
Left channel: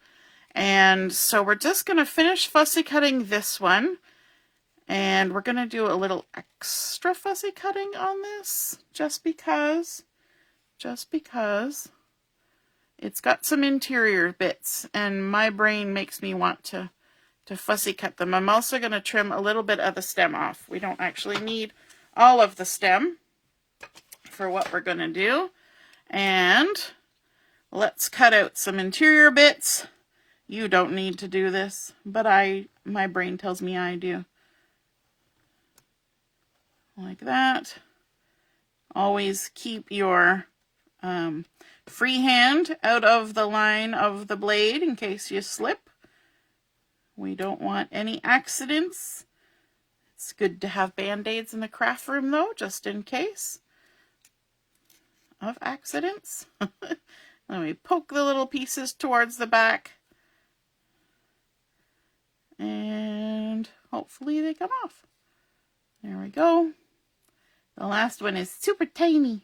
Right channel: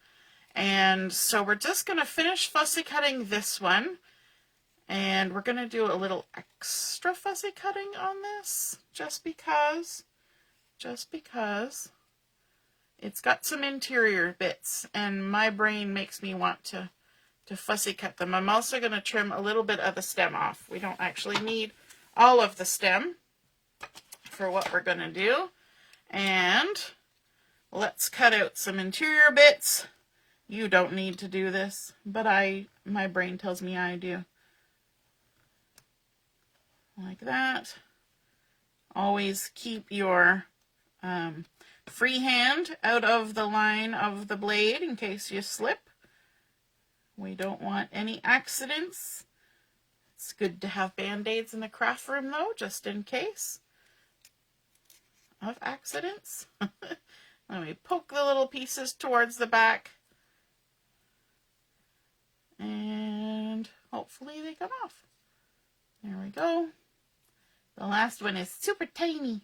And so we're just going to finish fussy cutting this one. And we're going to do a little extra fussy cutting on this just because it's got some interior bits and my brain makes me want to fussy cut them. I'm also going to trim a little bit of the stem off. We don't actually need all of the stem for what we're going to do. And let's cut out some interior bits. You don't need to do this, but my brain tells me I do. Like that. Always keep your free hand out of the line of the blade in case you slip. We don't want any accidents. It's good to have band-aids in the craft room though, just in case of accidents. Then we poke the little pieces towards the back. And hopefully they come off. There we go. The last one is super tiny.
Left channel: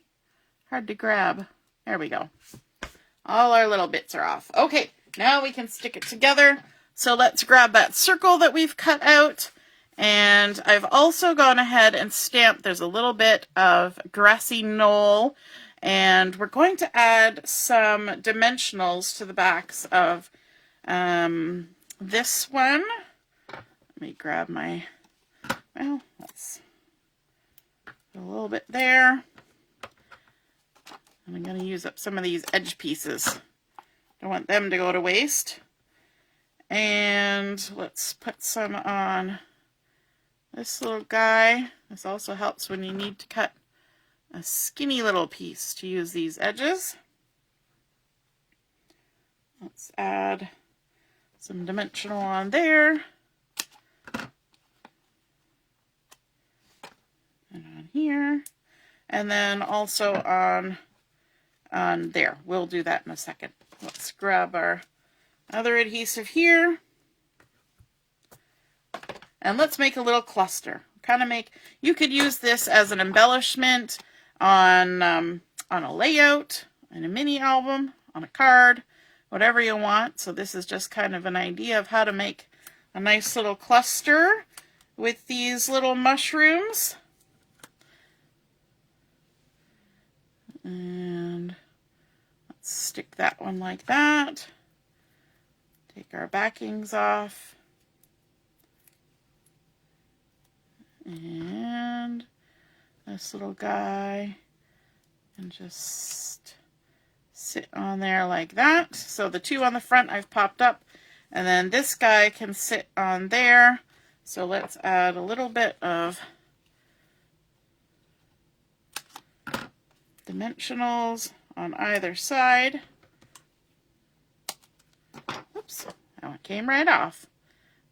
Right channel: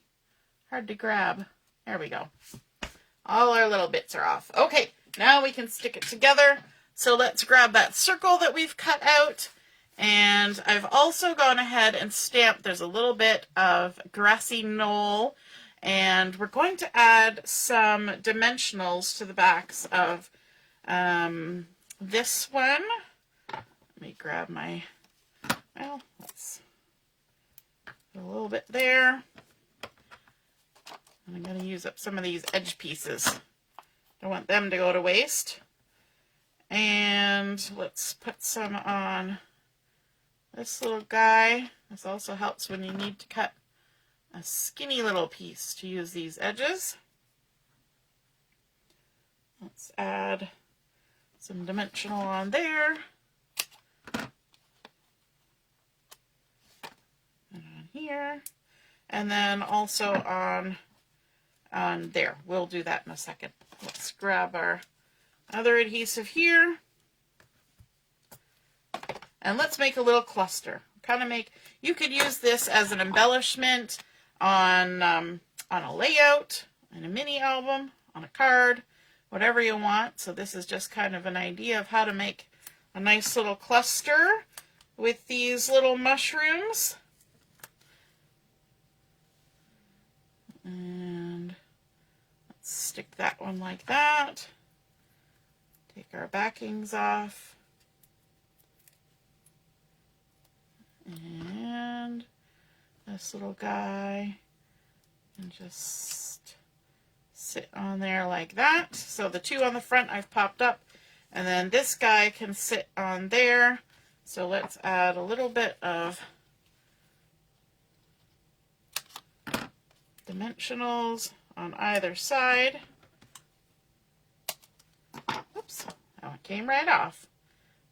Hard to grab. There we go. All our little bits are off. Okay, now we can stick it together. So let's grab that circle that we've cut out. And I've also gone ahead and stamped, there's a little bit of grassy knoll. And we're going to add some dimensionals to the backs of this one. Let me grab my, well, that's a little bit there. And I'm going to use up some of these edge pieces. Don't want them to go to waste. And let's put some on this little guy. This also helps when you need to cut a skinny little piece to use these edges. Let's add some dimensional on there. And on here. And then also on there. We'll do that in a second. Let's grab our other adhesive here. And let's make a little cluster. Kind of make, you could use this as an embellishment on a layout, in a mini album, on a card, whatever you want. So this is just kind of an idea of how to make a nice little cluster with these little mushrooms. And let's stick that one like that. Take our backings off. And this little guy. And just sit on there like that. So the two on the front I've popped up. And then this guy can sit on there. So let's add a little bit of dimensionals on either side. Oops, that one came right off.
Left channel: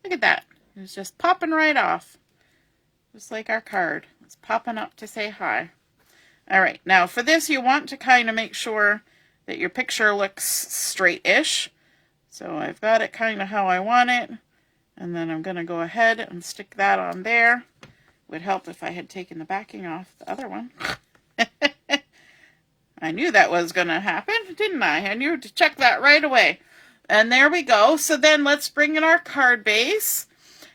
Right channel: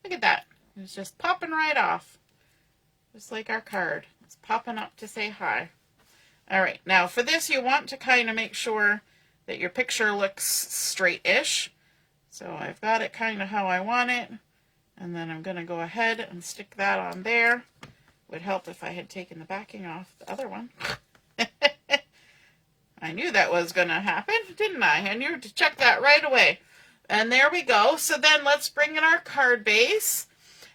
Look at that. It was just popping right off. Just like our card. It's popping up to say hi. Alright, now for this you want to kind of make sure that your picture looks straight-ish. So I've got it kind of how I want it. And then I'm going to go ahead and stick that on there. Would help if I had taken the backing off the other one. I knew that was going to happen, didn't I? I knew to check that right away. And there we go. So then let's bring in our card base.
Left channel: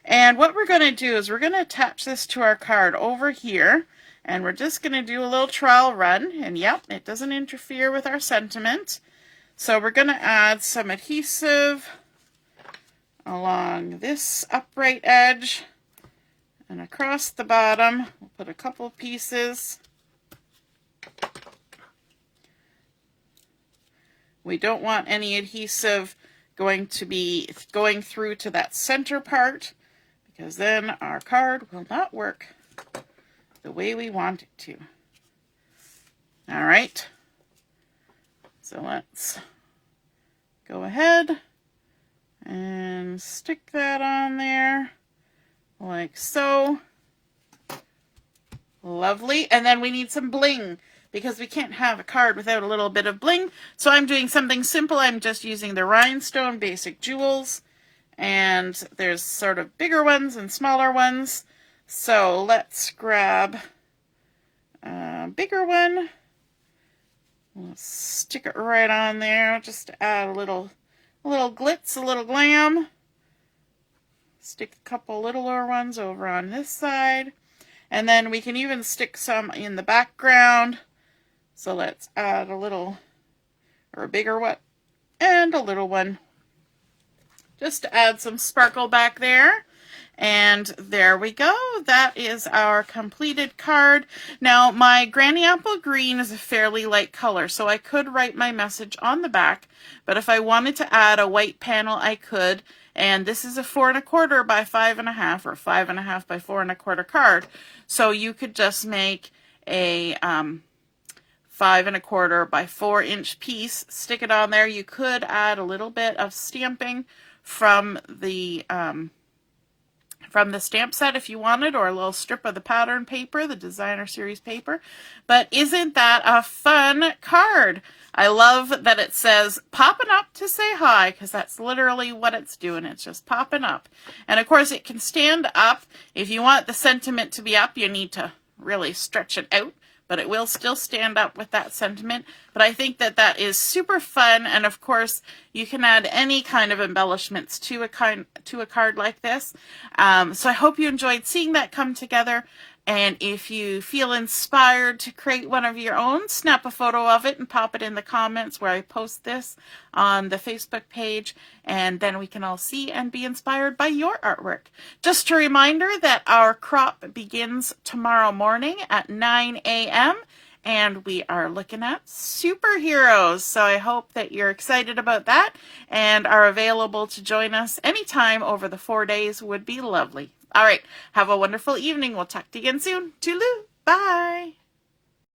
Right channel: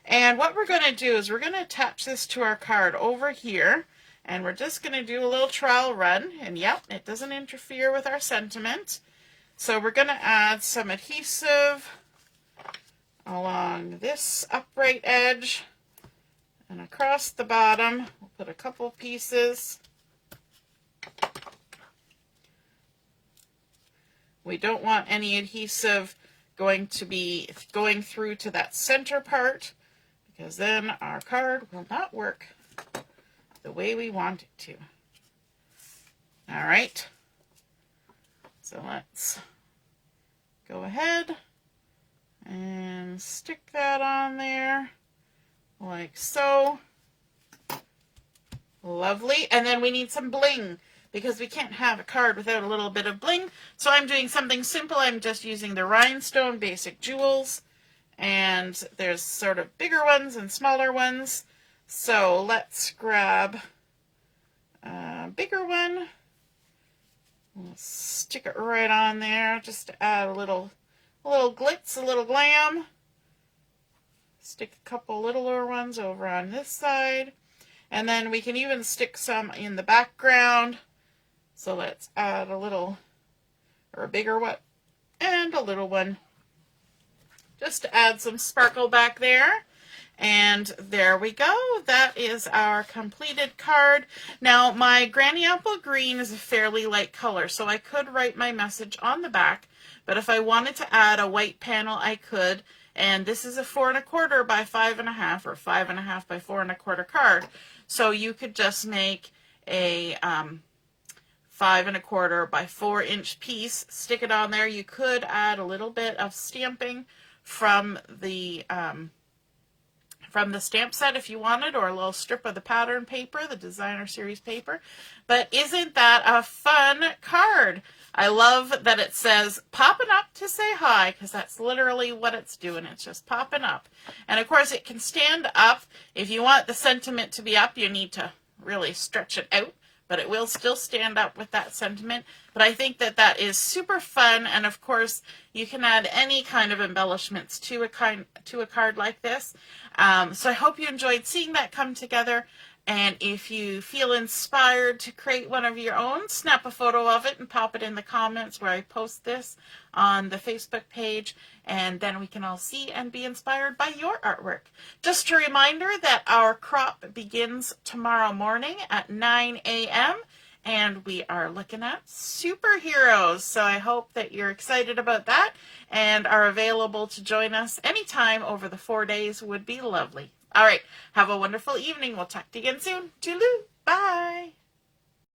And what we're going to do is we're going to attach this to our card over here. And we're just going to do a little trial run. And yep, it doesn't interfere with our sentiment. So we're going to add some adhesive along this upright edge and across the bottom. We'll put a couple pieces. We don't want any adhesive going through to that center part, because then our card will not work the way we want it to. All right. So let's go ahead and stick that on there like so. Lovely. And then we need some bling, because we can't have a card without a little bit of bling. So I'm doing something simple. I'm just using the Rhinestone Basic Jewels. And there's sort of bigger ones and smaller ones. So let's grab a bigger one. We'll stick it right on there just to add a little glitz, a little glam. Stick a couple littler ones over on this side. And then we can even stick some in the background. So let's add a little, or a bigger one, and a little one. Just to add some sparkle back there. And there we go. That is our completed card. Now, my Granny Apple Green is a fairly light color, so I could write my message on the back, but if I wanted to add a white panel, I could. And this is a 4 1/4 by 5 1/2 or 5 1/2 by 4 1/4 card. So you could just make a 5 1/4 by 4-inch piece, stick it on there. You could add a little bit of stamping from the stamp set if you wanted, or a little strip of the pattern paper, the designer series paper. But isn't that a fun card? I love that it says popping up to say hi, because that's literally what it's doing. It's just popping up. And of course it can stand up. If you want the sentiment to be up, you need to really stretch it out, but it will still stand up with that sentiment. But I think that that is super fun, and of course you can add any kind of embellishments to a card like this. So I hope you enjoyed seeing that come together, and if you feel inspired to create one of your own, snap a photo of it and pop it in the comments where I post this on the Facebook page, and then we can all see and be inspired by your artwork. Just a reminder that our crop begins tomorrow morning at 9 a.m. and we are looking at superheroes. So I hope that you're excited about that and are available to join us anytime over the 4 days. Would be lovely. All right, have a wonderful evening. We'll talk to you again soon. Toodaloo. Bye.